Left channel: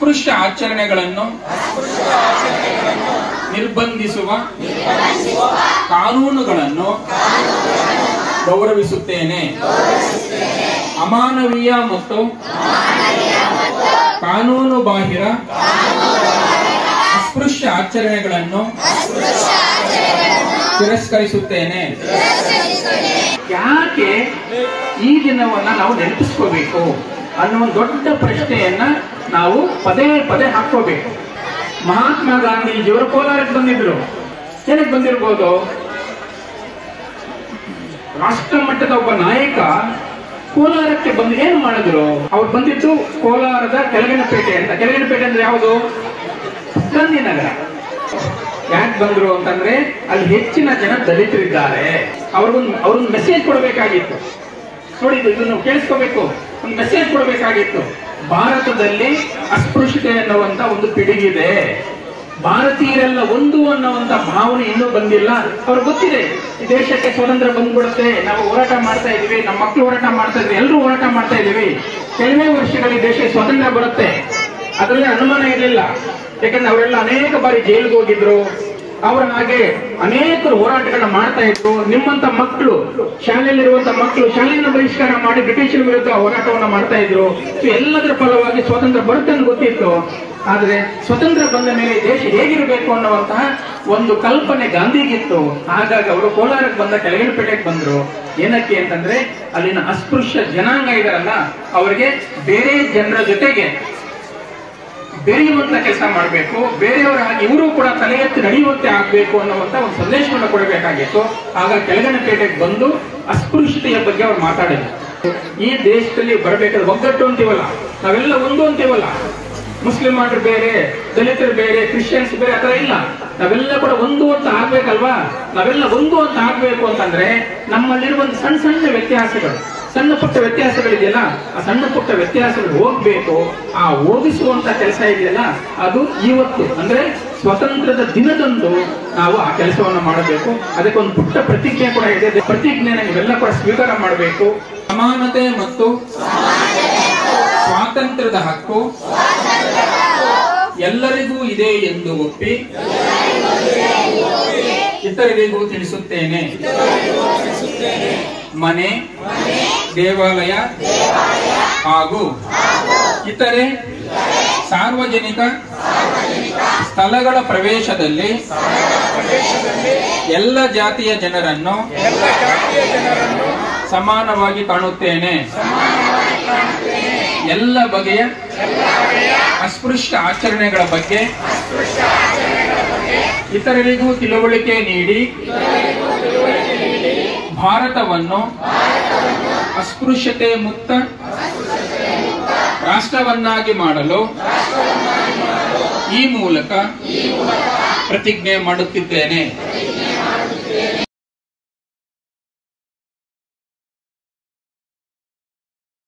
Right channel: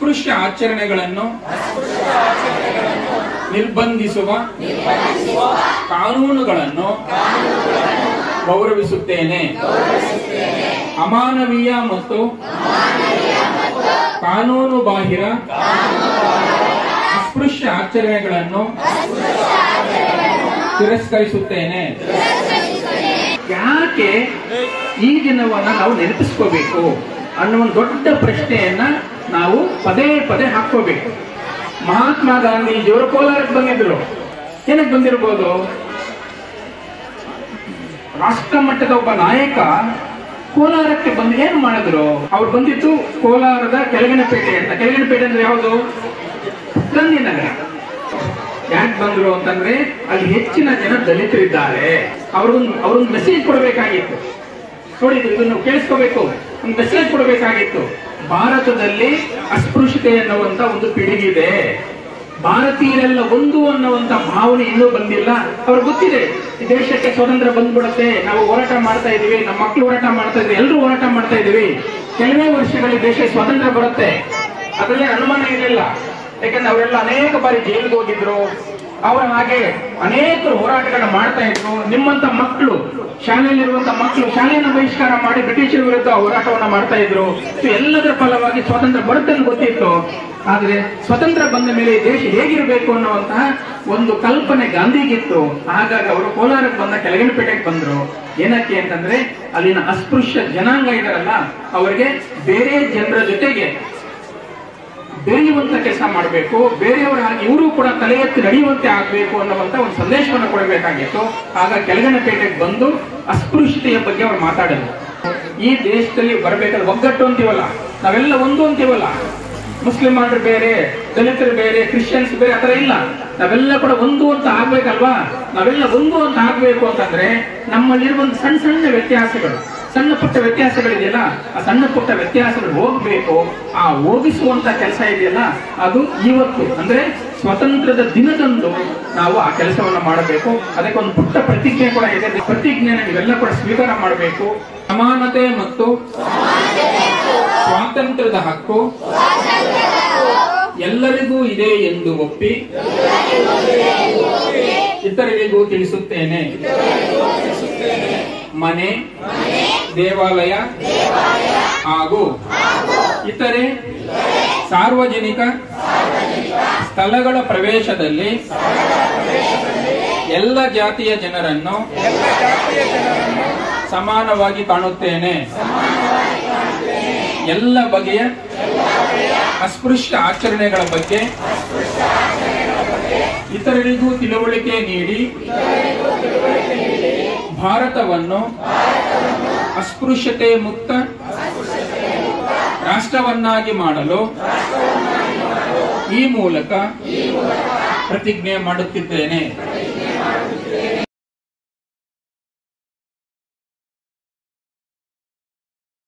ಅಸ್ಪೃಶ್ಯ ಆಚರಣೆಗಳನ್ನು ನಿರ್ಬಂಧಿಸುವ ಕಾನೂನುಗಳನ್ನು ಗೌರವಿಸುತ್ತೇನೆ. ಅಮಾನವೀಯ ಮತ್ತು ಕಾನೂನು ಬಾಹಿರ ಅಸ್ಪೃಶ್ಯ ಆಚರಣೆಗಳನ್ನು ತಿರಸ್ಕರಿಸುತ್ತೇನೆ. ಯಾಕೆ ಈ ದಿನವನ್ನು ನಾವು ನೆನಪಿಸ್ಕೋಬೇಕು ಅನ್ನುವ ದೊಡ್ಡ ಪ್ರಶ್ನೆಯನ್ನ ನಾವು ಪದೇ ಪದೇ ಹಾಕೋಬೇಕು. ಮಹಾತ್ಮ ಗಾಂಧೀಜಿಯವರು ಕೋಲಾರಕ್ಕೆ ಬಂದಿದ್ರು. ಏನಕ್ಕೆ ಬಂದಿರ್ಬೋದು? ರಾಷ್ಟ್ರ ಮಟ್ಟದ ಒಬ್ಬ ನಾಯಕ ಕೋಲಾರಕ್ಕೆ ಬಂದು ಏನು ಮಾಡಿದ್ರು? ಅವ್ರು ಬಂದಿದ್ದು ಕೋಲಾರದ ಕೆಳಗನಪೇಟೆ ಅಂತ. ಕೆಳಗನಪೇಟೆ ಅಂದ್ರೆ ಯಾವುದು? ಗಾಂಧಿನಗರ. ಯಾಕೆ ಬಂದ್ರು ಅಂತಂದ್ರೆ ಅಲ್ಲಿ ಹೆಚ್ಚಿನ ಜನ ದಲಿತರಿದ್ದಾರೆ. ಅವ್ರೊಂದು ಮೆಸೇಜ್ ಕೊಡಬೇಕಾಗಿತ್ತು. ನೋಡಿ, ಇದನ್ನು ಕೇಳಿಸ್ಕೋಬೇಕು. ಒಂದು ಮೆಸೇಜ್ ಕೊಡಬೇಕಾಗಿತ್ತು. ಭಾರತದಲ್ಲಿ ಅಸ್ಪೃಶ್ಯತೆ ಅನ್ನುವಂತ ಒಂದು ಪಿಡುಗಿದೆ. ಭಾರತೀಯರೆಲ್ಲ ಒಂದು ಅನ್ನುವಂತ ಭಾವನೆ ಇನ್ನೂ ಬಂದಿಲ್ಲ. ಅವ್ರಿಗೆ ಗೊತ್ತಿದೆ ಈ ದೇಶಕ್ಕೆ ಸ್ವಾತಂತ್ರ್ಯ ಬಂದ್ಬಿಡುತ್ತೆ, ನಾವು ಹೋರಾಟ ಮಾಡ್ತಾ ಇದೀವಿ, ನಮ್ಮ ಮಕ್ಕಳು ಹೋರಾಟ ಮಾಡ್ತಾ ಇದ್ವಿ, ಎಲ್ಲರೂ ಹೋರಾಟ ಮಾಡ್ತಾ ಇದೀವಿ, ಕೆಲವೇ ವರ್ಷಗಳಲ್ಲಿ ದೇಶಕ್ಕೆ ಸ್ವಾತಂತ್ರ್ಯ ಬರುತ್ತೆ, ಅದರಲ್ಲಿ ಅನುಮಾನ ಇರಲಿಲ್ಲ. ಯಾಕಂದ್ರೆ ಅವರೆಲ್ಲ ಅನೇಕ ಬಾರಿ ಜೈಲಿಗೆ ಹೋಗಿದ್ರು. ಅವರ ಹಾಗೆ ಅನೇಕರು ಹೋರಾಟಗಳನ್ನ ಮಾಡ್ತಾ ಇದ್ರು. ನಿಮ್ಮಂತ ಮಕ್ಕಳು, ಶಾಲೆಯಲ್ಲಿರುವಂತಹ ಮಕ್ಕಳು ಶಾಲೆಯನ್ನು ಬಹಿಷ್ಕಾರ ಮಾಡಿ ಬ್ರಿಟಿಷರ ವಿರುದ್ಧ ಹೋರಾಟವನ್ನ ಮಾಡ್ತಾ ಇದ್ರು. ಎಲ್ಲದರ ಫಲವಾಗಿ ಸ್ವಾತಂತ್ರ್ಯ ಬರುತ್ತೆ ಅಂತ ಗೊತ್ತಿತ್ತು. ಆದ್ರೆ ಸ್ವತಂತ್ರ ಬಂದ ಮೇಲೆ ದೇಶ ಹೇಗಿರಬೇಕು ಅನ್ನುವಂತಹ ಒಂದು ಕಲ್ಪನೆ ಗಾಂಧಿಗಿತ್ತು. ಹಾಗಾಗಿ ಅವರು ಕೋಲಾರಕ್ಕೆ ಬಂದ ಕೆಳಗನಪೇಟೆಗೆ ಬಂದ್ರು. ಏನಕ್ಕೆ ಅಂತಂದ್ರೆ ಅಲ್ಲಿನ ಅಸ್ಪೃಶ್ಯ ಜನಾಂಗ ಇದಾರಲ್ಲ, ಅವರಿಗೆ ಬೇರೆ ಜನರ ಜೊತೆಗೆ ಬೆರೆಯುವಂತ ಕೆಲಸ ಮಾಡಬೇಕು, ಬೇರೆಯವರ ಇವರು ಕೂಡ ತಲೆ ಎತ್ತಿ ನಡೆಯುವಂತೆ ಆಗ್ಬೇಕು ಅನ್ನುವಂತ ಒಂದು ಸಂದೇಶವನ್ನು ಕೊಡಬೇಕಾಗಿತ್ತು. ಆಗ ಕೆಳಗನಪೇಟೆಗೆ ಬಂದು ಅಸ್ಪೃಶ್ಯತೆಯ ಬಗ್ಗೆ ಅವ್ರು ಮಾತಾಡಿದ್ರು. ಈ ದೇಶದಲ್ಲಿ ಬರಬೇಕಾದ್ರೆ ಒಗ್ಗಟ್ಟು ಅಂತೀವಲ್ಲ, ನಾವೆಲ್ಲ ಒಂದು ಅಂತೀವಲ್ಲ, ಮುಸ್ಲಿಮರು ಬೇರೆ, ದಲಿತರು ಬೇರೆ, ಕ್ರಿಶ್ಚಿಯನ್ಸ್ ಬೇರೆ, ಆತರ ಇಲ್ಲ. ನಾವೆಲ್ಲ ಕೂಡ ಒಂದು ಅಂತ ಆಗ್ಬೇಕಲ್ವಾ? ನಾವೆಲ್ಲ ಒಂದು ಅಂತ ಆಗ್ಬೇಕು ಅಂತಂದ್ರೆ ನಮ್ಮಲ್ಲಿರುವಂತ ಸಣ್ಣ ಸಣ್ಣ ವ್ಯತ್ಯಾಸಗಳು, ಸಣ್ಣ ಪುಟ್ಟ ವ್ಯತ್ಯಾಸಗಳಿದೆಯಲ್ಲ, ಆ ಸಣ್ಣ ಪುಟ್ಟ ವ್ಯತ್ಯಾಸಗಳು ಹೋಗ್ಬೇಕು. ಆ ಹೋಗಿಸುವಂತ ಕೆಲಸ ಇದೆಯಲ್ಲ, ಅದು ಇವತ್ತು ಅಂದ್ರೆ ಸ್ವಾತಂತ್ರ್ಯದ ದಿನದಂದು ನಾವು ಆ ಕೆಲಸವನ್ನು ಮಾಡಬೇಕು. ಅದಕ್ಕೆ ಒಂದು ಪುಟ್ಟ ಪ್ರತಿಜ್ಞೆ ಕೂಡ ಇದೆ. ಪ್ರತಿಜ್ಞೆನ ನೀವೆಲ್ಲ ಕೂಡ ಸ್ವೀಕಾರ ಮಾಡಬೇಕು. ಸಮಾನತೆ ಮತ್ತು ಸ್ವಾತಂತ್ರ್ಯದ ಹಕ್ಕು ಎಲ್ಲರಿಗೂ ಇದೆ ಎಂದು ಒಪ್ಪಿ ಇತರರಿಗೂ ತಿಳಿಸುತ್ತೇನೆ. ಮನೆ, ದೇವಾಲಯ ಹಾಗೂ ಇತರೆ ಸಾರ್ವಜನಿಕ ಸ್ಥಳಗಳ ಪ್ರವೇಶದಲ್ಲಿ ಎಲ್ಲ ಜಾತಿಯ ಜನರನ್ನು ಸಮಾನವಾಗಿ ಕಾಣುತ್ತೇನೆ. ಎಲ್ಲ ಬಗೆಯ ಅಸ್ಪೃಶ್ಯ ಆಚರಣೆಗಳ ಬಗ್ಗೆ ಇತರರಿಗೂ ತಿಳುವಳಿಕೆ ನೀಡಿ ಭಾರತವನ್ನು ಅಸ್ಪೃಶ್ಯತೆ ಮುಕ್ತ ರಾಷ್ಟ್ರವನ್ನಾಗಿ ಮಾಡಲು ಈ ಮೂಲಕ ಪ್ರತಿಜ್ಞೆ ಮಾಡುತ್ತಿದ್ದೇನೆ.